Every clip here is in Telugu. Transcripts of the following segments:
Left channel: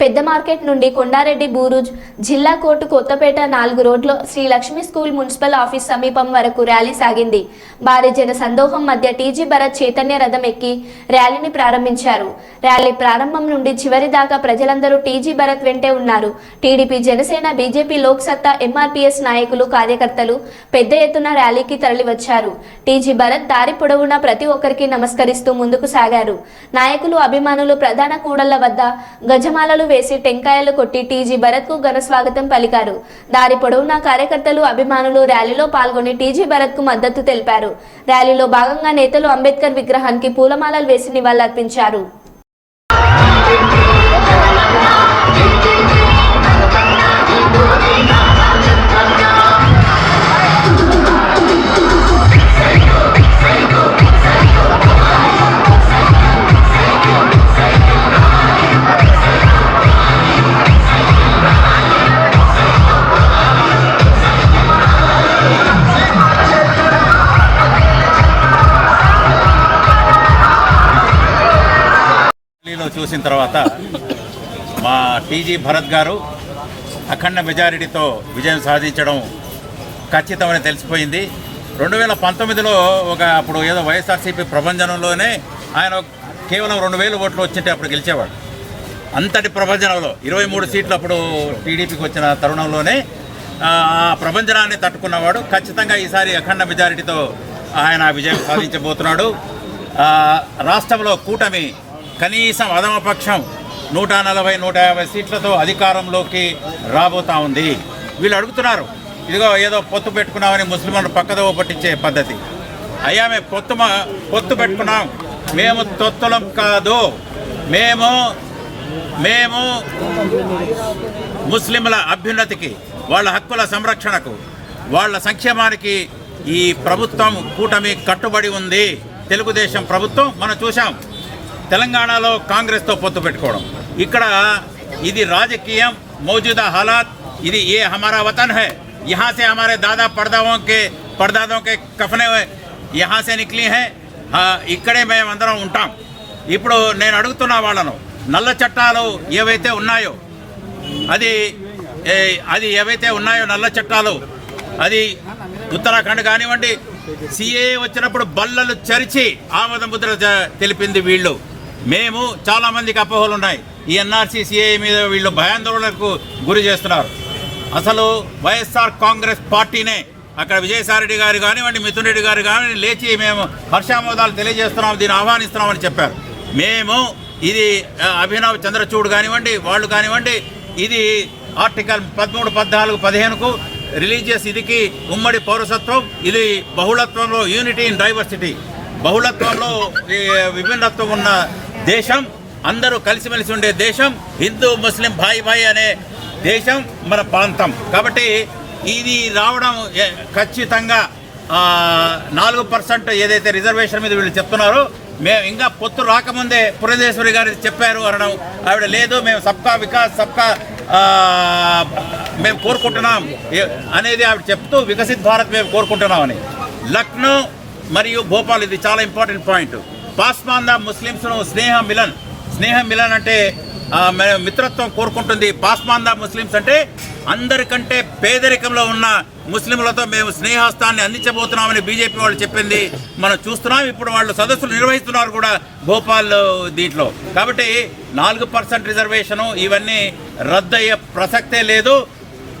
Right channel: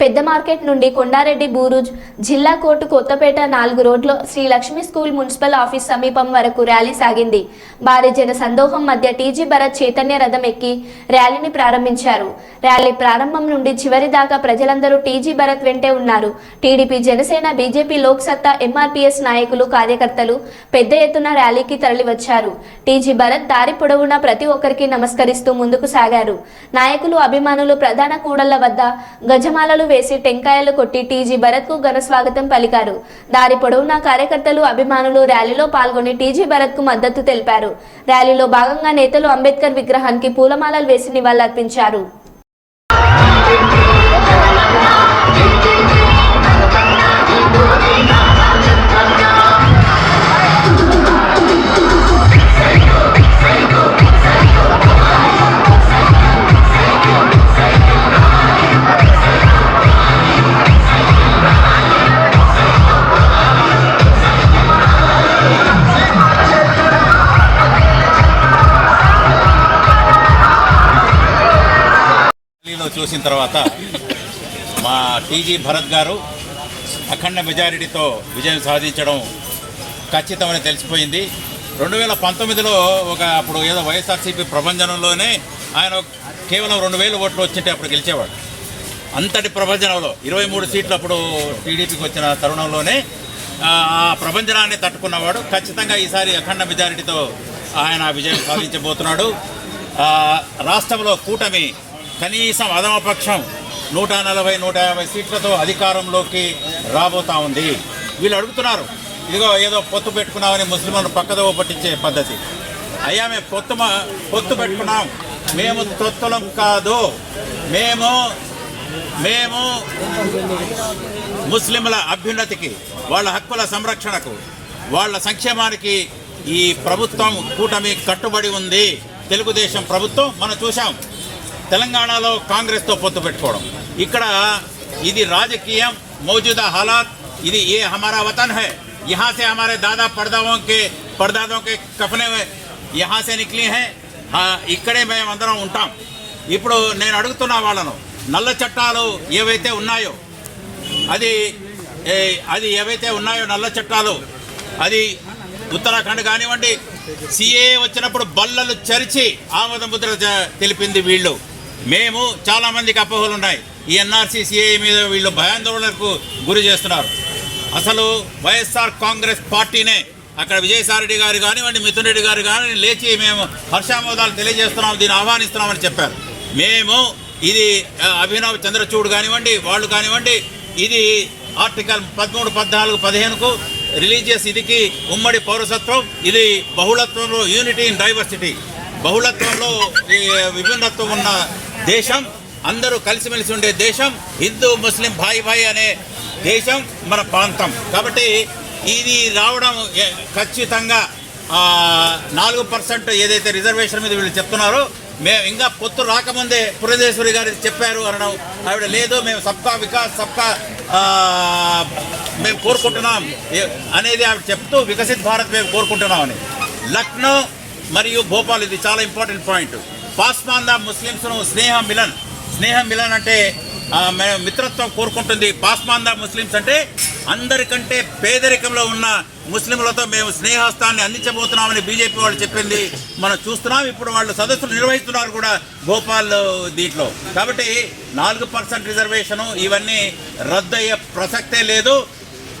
పెద్ద మార్కెట్ నుండి కొండారెడ్డి బూరుజ్ జిల్లా కోర్టు కొత్తపేట నాలుగు రోడ్లో Sri Lakshmi school municipal office సమీపం వరకు ర్యాలీ సాగింది. భారీ జన సందోహం మధ్య టీజీ భరత్ చైతన్య రథం ఎక్కి ర్యాలీని ప్రారంభించారు. ర్యాలీ ప్రారంభం నుండి చివరి దాకా ప్రజలందరూ టీజీ భరత్ వెంటే ఉన్నారు. TDP Janasena BJP Loksatta MRPS నాయకులు కార్యకర్తలు పెద్ద ఎత్తున ర్యాలీకి తరలివచ్చారు. టీజీ భరత్ దారి పొడవునా ప్రతి ఒక్కరికి నమస్కరిస్తూ ముందుకు సాగారు. నాయకులు అభిమానులు ప్రధాన కూడళ్ళ వద్ద గజమాలలు వేసి టెంకాయలు కొట్టి టీజీ భరత్కు ఘన స్వాగతం పలికారు. దారి పొడవునా కార్యకర్తలు అభిమానులు ర్యాలీలో పాల్గొని టీజీ భరత్కు మద్దతు తెలిపారు. ర్యాలీలో భాగంగా నేతలు అంబేద్కర్ విగ్రహానికి పూలమాలలు వేసి నివాళులర్పించారు. చూసిన తర్వాత మా టీజీ భరత్ గారు అఖండ మెజారిటీతో విజయం సాధించడం ఖచ్చితమని తెలిసిపోయింది. రెండు వేల పంతొమ్మిదిలో ఒక అప్పుడు ఏదో వైఎస్ఆర్సీపీ ప్రభంజనంలోనే ఆయన కేవలం రెండు వేలు ఓట్లు వచ్చింటే అప్పుడు గెలిచేవాడు. అంతటి ప్రభంజనంలో ఇరవై మూడు సీట్లు అప్పుడు టీడీపీకి వచ్చిన తరుణంలోనే ఆ ప్రభంజనాన్ని తట్టుకున్నవాడు. ఖచ్చితంగా ఈసారి అఖండ మెజారిటీతో ఆయన విజయం సాధించబోతున్నాడు. రాష్ట్రంలో కూటమి కనీసం అధమపక్షం నూట నలభై నూట యాభై సీట్లతో అధికారంలోకి రాబోతా ఉంది. వీళ్ళు అడుగుతున్నారు ఇదిగో ఏదో పొత్తు పెట్టుకున్నామని ముస్లింలను పక్కదో పట్టించే పద్ధతి. అయ్యా మేము పొత్తు పొత్తు పెట్టుకున్నాం. మేము తొత్తులం కాదు. మేము మేము ముస్లింల అభ్యున్నతికి వాళ్ళ హక్కుల సంరక్షణకు వాళ్ళ సంక్షేమానికి ఈ ప్రభుత్వం కూటమి కట్టుబడి ఉంది. తెలుగుదేశం ప్రభుత్వం మనం చూసాం తెలంగాణలో కాంగ్రెస్తో పొత్తు పెట్టుకోవడం ఇక్కడ ఇది రాజకీయం మౌజూదా హాలాత్ ఇది ఏ హమారా వతన్ హై यहाँ से हमारे दादा పడదాదోं के పడదాదోं के కఫనే यहाँ से నిక్లీ హై ఇక్కడే మేము అందరం ఉంటాం ఇప్పుడు నేను అడుగుతున్నా వాళ్ళను నల్ల చట్టాలు ఏవైతే ఉన్నాయో అది ఏ, అది ఏవైతే ఉన్నాయో నల్ల చట్టాలు అది ఉత్తరాఖండ్ కానివ్వండి సిఏ వచ్చినప్పుడు బల్లలు చరిచి ఆమోద ముద్ర జ- తెలిపింది వీళ్ళు మేము చాలామందికి అపోహలు ఉన్నాయి. ఈ ఎన్ఆర్సీ సిఐ మీద వీళ్ళు భయాందోళనకు గురి చేస్తున్నారు. అసలు వైఎస్ఆర్ కాంగ్రెస్ పార్టీనే అక్కడ విజయసాయిరెడ్డి గారు కానివ్వండి మిథున్ రెడ్డి గారు కానీ లేచి మేము హర్షామోదాలు తెలియజేస్తున్నాం దీన్ని ఆహ్వానిస్తున్నామని చెప్పారు. మేము ఇది అభినవ్ చంద్రచూడ్ కానివ్వండి వాళ్ళు కానివ్వండి ఇది ఆర్టికల్ పదమూడు పద్నాలుగు పదిహేనుకు రిలీజియస్ ఇదికి ఉమ్మడి పౌరసత్వం ఇది బహుళత్వంలో యూనిటీ ఇన్ డైవర్సిటీ. బహుళత్వంలో విభిన్నత్వం ఉన్న దేశం అందరూ కలిసిమెలిసి ఉండే దేశం హిందూ ముస్లిం భాయి భాయి అనే దేశం మన ప్రాంతం. కాబట్టి ఇది రావడం ఖచ్చితంగా నాలుగు పర్సెంట్ ఏదైతే రిజర్వేషన్ మీద వీళ్ళు చెప్తున్నారో మేము ఇంకా పొత్తు రాకముందే పురంధేశ్వరి గారు చెప్పారు అనడం ఆవిడ లేదు మేము సబ్కా వికాస్ సబ్కా మేము కోరుకుంటున్నాం అనేది ఆవిడ చెప్తూ వికసిత్ భారత్ మేము కోరుకుంటున్నామని. లక్నో మరియు భోపాల్ ఇది చాలా ఇంపార్టెంట్ పాయింట్. పాస్మాందా ముస్లింస్ను స్నేహ మిలన్. స్నేహ మిలన్ అంటే మిత్రత్వం కోరుకుంటుంది. పాస్మాంద ముస్లిమ్స్ అంటే అందరికంటే పేదరికంలో ఉన్న ముస్లింలతో మేము స్నేహస్తాన్ని అందించబోతున్నామని బీజేపీ వాళ్ళు చెప్పింది. మనం చూస్తున్నాం ఇప్పుడు వాళ్ళు సదస్సులు నిర్వహిస్తున్నారు కూడా భోపాల్ దీంట్లో. కాబట్టి నాలుగు పర్సెంట్ రిజర్వేషను ఇవన్నీ రద్దయ్యే ప్రసక్తే లేదు.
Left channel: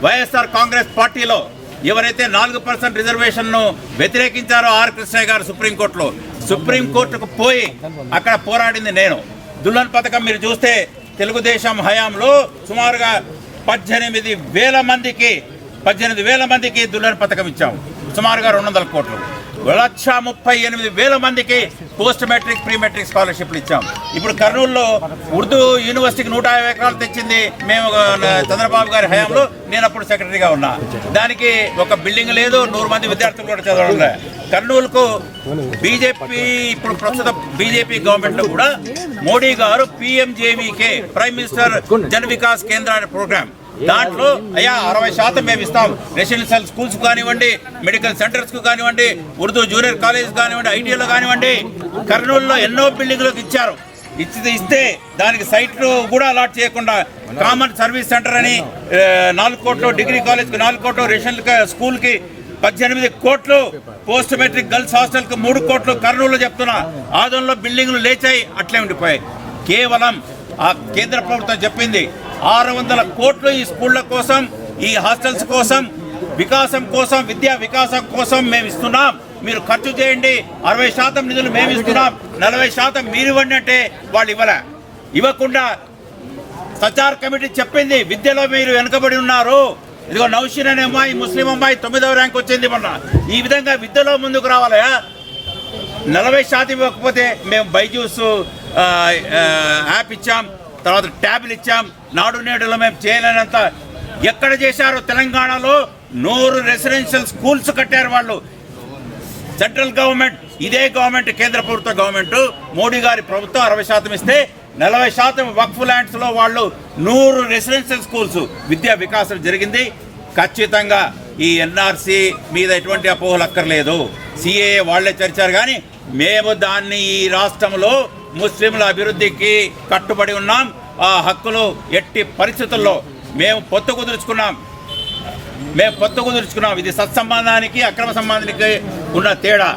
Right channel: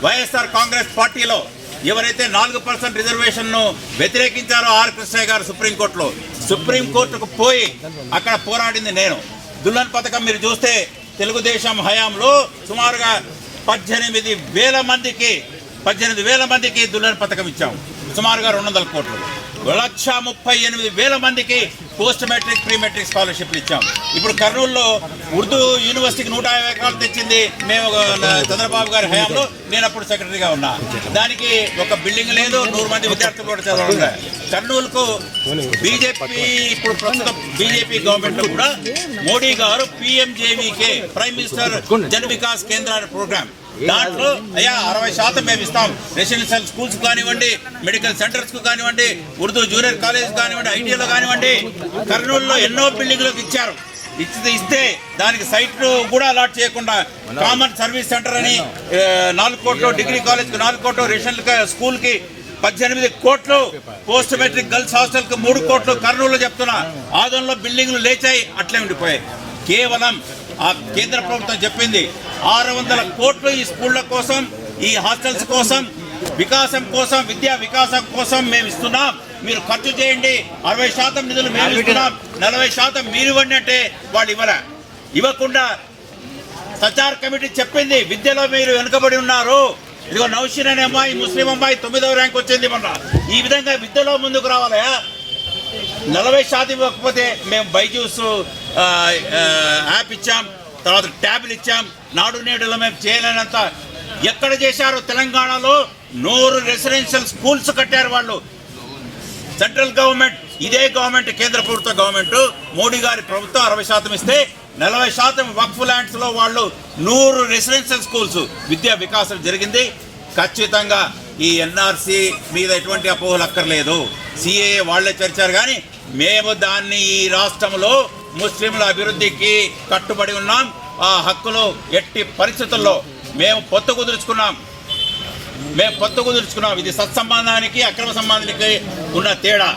వైఎస్ఆర్ కాంగ్రెస్ పార్టీలో ఎవరైతే నాలుగు పర్సెంట్ రిజర్వేషన్ను వ్యతిరేకించారో ఆర్ కృష్ణయ్య గారు సుప్రీంకోర్టులో సుప్రీంకోర్టుకు పోయి అక్కడ పోరాడింది నేను. దుల్లన్ పథకం మీరు చూస్తే తెలుగుదేశం హయాంలో సుమారుగా పద్దెనిమిది వేల మందికి పద్దెనిమిది వేల మందికి దుల్లన్ పథకం ఇచ్చాం. సుమారుగా రెండు వందల కోట్లు. లక్ష ముప్పై ఎనిమిది వేల మందికి పోస్ట్ మెట్రిక్ ప్రీ మెట్రిక్ స్కాలర్షిప్లు ఇచ్చాం. ఇప్పుడు కర్నూలులో ఉర్దూ యూనివర్సిటీకి నూట యాభై ఎకరాలు తెచ్చింది మేము ఒక చంద్రబాబు గారి హయాంలో. నేను అప్పుడు సెక్రటరీగా ఉన్నా. దానికి ఒక బిల్డింగ్ లేదు నూరు మంది విద్యార్థులు కూడా చదవడం లేదు. కర్నూలుకు బీజేపీ ఇప్పుడు ప్రస్తుతం బీజేపీ గవర్నమెంట్ కూడా మోడీ గారు PMJVK prime minister Jan Vikas Kendra program. దాంట్లో అయ్యా అరవై శాతం మేము ఇస్తాం. రెసిడెన్షియల్ స్కూల్స్ కానివ్వండి మెడికల్ సెంటర్స్కు కానివ్వండి ఉర్దూ జూనియర్ కాలేజ్ కానివ్వండి ఐటీఐలో కానివ్వండి కర్నూలులో ఎన్నో బిల్డింగ్లకు ఇచ్చారు. ఇచ్చి ఇస్తే దానికి సైట్లు కూడా అలాట్ చేయకుండా కామన్ సర్వీస్ సెంటర్ అని నాలుగు కోట్లు డిగ్రీ కాలేజ్కి నాలుగు కోట్లు రేషన్ స్కూల్కి పద్దెనిమిది కోట్లు పోస్ట్ మెట్రిక్ గర్ల్స్ హాస్టల్కి మూడు కోట్లు కర్నూలు చెప్తున్నా. ఆదంలో బిల్డింగ్లు లేచాయి అట్లే ఉండిపోయాయి. కేవలం ఆ కేంద్ర ప్రభుత్వం చెప్పింది ఆరు వందల కోట్లు ఈ స్కూళ్ళ కోసం ఈ హాస్టల్స్ కోసం వికాసం కోసం విద్యా వికాసం కోసం మేము ఇస్తున్నాం. మీరు ఖర్చు చేయండి అరవై శాతం నిధులు మేము ఇస్తున్నాం. నలభై శాతం మీరు ఇవ్వండి అంటే వాళ్ళు ఇవ్వలే. ఇవ్వకుండా సచార్ కమిటీ చెప్పింది విద్యలో మీరు వెనుకబడి ఉన్నారు. ఇదిగో నౌషిన్ అనే అమ్మాయి ముస్లిం అమ్మాయి తొమ్మిదవ ర్యాంక్ వచ్చింది మొన్న. ఈ విధంగా విద్యలో ముందుకు రావాలయా? నలభై శాతం ఇవ్వకపోతే మేము బైజూస్ యాప్ ఇచ్చాం తర్వాత ట్యాబ్లు ఇచ్చాం. నాడు నేడులో మేము చేయలేనంత ఎక్కడ చేశారో తెలంగాణలో నూరు రెసిడెన్షియల్ స్కూల్స్ కట్టారు వాళ్ళు. సెంట్రల్ గవర్నమెంట్ ఇదే గవర్నమెంట్ కేంద్ర ప్రభుత్వ గవర్నమెంట్. మోడీ గారి ప్రభుత్వం అరవై శాతం ఇస్తే నలభై శాతం వక్ఫ్ ల్యాండ్స్లో వాళ్ళు నూరు రెసిడెన్షియల్ స్కూల్స్ విద్యా వికాసం జరిగింది. ఖచ్చితంగా ఈ ఎన్ఆర్సి మీద ఎటువంటి అపోహలు అక్కర్లేదు. సిఏ వాళ్ళే చర్చారు కానీ మేము దాన్ని ఈ రాష్ట్రంలో ముస్లింల అభివృద్ధికి కట్టుబడి ఉన్నాం. ఆ హక్కులు ఎట్టి పరిస్థితుల్లో మేము పొత్తు కుదుర్చుకున్నాం. మేము పొత్తు కుదుర్చుకున్నాం. ఇది సత్సంబంధానికి అక్రమ సంబంధానికి ఉన్న తేడా.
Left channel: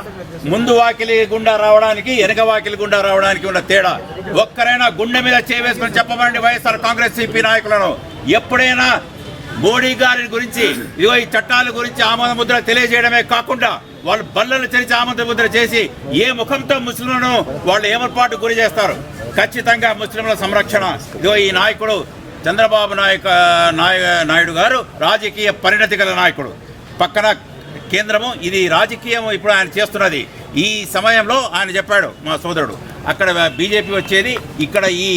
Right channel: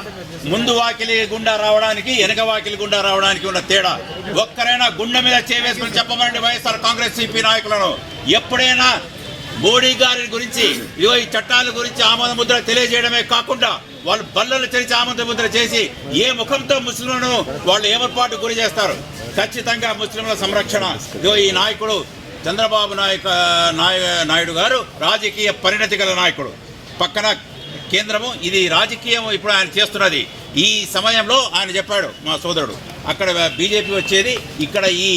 ముందు వాకిలి గుండా రావడానికి వెనక వాకిలి గుండా రావడానికి ఉన్న తేడా. ఒక్కరైనా గుండె మీద చేవేసుకుని చెప్పమండి వైఎస్ఆర్ కాంగ్రెస్ సిపి నాయకులను. ఎప్పుడైనా మోడీ గారి గురించి ఇదిగో ఈ చట్టాల గురించి ఆమోద ముద్ర తెలియజేయడమే కాకుండా వాళ్ళు బల్లలు తెరిచి ఆమోద ముద్ర చేసి ఏ ముఖంతో ముస్లింలను వాళ్ళు ఏమర్పాటు గురి చేస్తారు? ఖచ్చితంగా ముస్లింల సంరక్షణ. ఇదిగో ఈ నాయకుడు చంద్రబాబు నాయక నాయ నాయుడు గారు రాజకీయ పరిణతి గల నాయకుడు. పక్కన కేంద్రము ఇది రాజకీయం ఇప్పుడు ఆయన చేస్తున్నది. ఈ సమయంలో ఆయన చెప్పాడు మా సోదరుడు. అక్కడ బీజేపీ వచ్చేది ఇక్కడ ఈ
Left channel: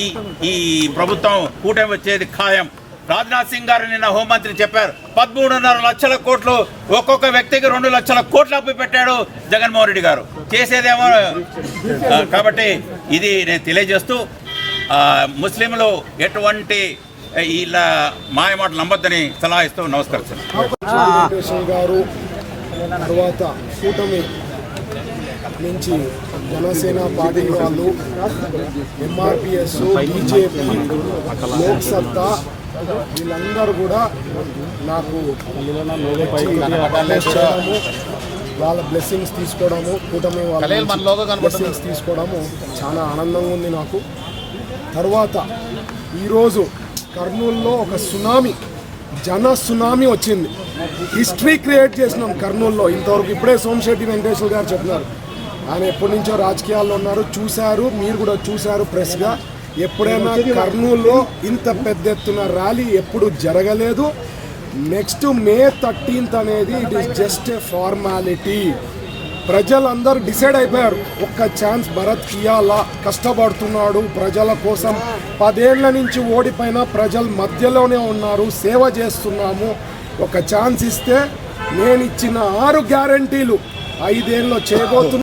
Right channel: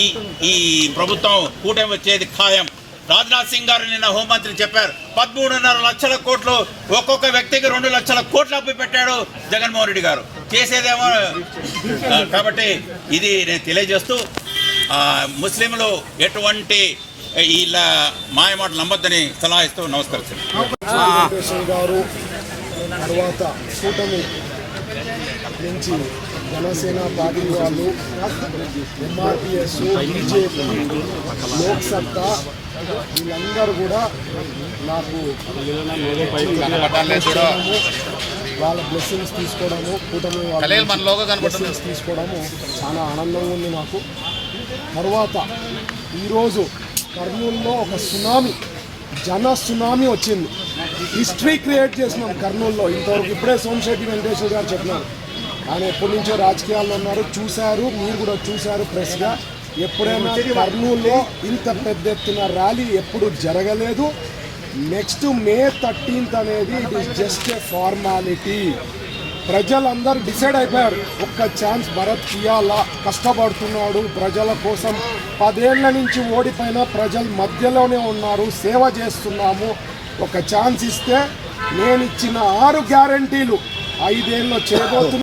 ఈ ఈ ప్రభుత్వం కూటమి వచ్చేది ఖాయం. రాజ్నాథ్ సింగ్ గారు నిన్న హోంమంత్రి చెప్పారు పదమూడున్నర లక్షల కోట్లు ఒక్కొక్క వ్యక్తికి రెండు లక్షల కోట్లు అప్పు పెట్టాడు జగన్మోహన్ రెడ్డి గారు. చేసేదేమో కాబట్టి ఇది నేను తెలియజేస్తూ ముస్లింలు ఎటువంటి వీళ్ళ మాయమాటలు నమ్మొద్దని సలహా ఇస్తూ నమస్కరిస్తున్నాను. గారు తర్వాత కూటమి నుంచి జనసేన పార్టీ వాళ్ళు ఎంఆర్పిఎస్ బీజేపీ లోక్సత్తా వీళ్ళందరూ కూడా నాకు చేయడము, వాళ్ళ బ్లెస్సింగ్స్ తీసుకోవడము కూటమి వాళ్ళ బ్లెస్సింగ్స్ తీసుకోవడము చాలా ఆనందంగా ఉంది నాకు. తర్వాత ఈరోజు కర్నూలులో ఒక సునామీ జన సునామీ వచ్చింది. హిస్టరీ క్రియేట్ చేసినాం కర్నూలులో. ఇంతవరకు ఇప్పుడే సోమశెట్టి వెంకటేశ్వర గారు చెప్పినారు. ఆయన ఎప్పటి నుంచో రాజకీయాల్లో ఉన్నారు. చూశారు మీరు కూడా చూశారు ప్రెస్గా ఎప్పుడైనా కర్నూలులో ఇంత పెద్ద ఎత్తున ర్యాలీ ఎప్పుడు జరగలేదు. నెక్స్ట్ మే థర్టీన్త్ అనేది it is just a formality ప్రజలందరూ డిసైడ్ అయిపోయారు. ఒక్క ఛాన్స్ భరత్ ఇయ్యాలా? కష్టపడుతున్నాడు ప్రజల కోసం. పదేళ్ళ నుంచి ఓడిపోయిన ప్రజల మధ్యలోనే ఉన్నారు. సేవ చేస్తున్నాము. ఒక ఛాన్స్ ఇస్తే నేను ఇచ్చిన ఆరు గ్యారంటీలు ఐదేళ్ళు చేయబోతున్నా.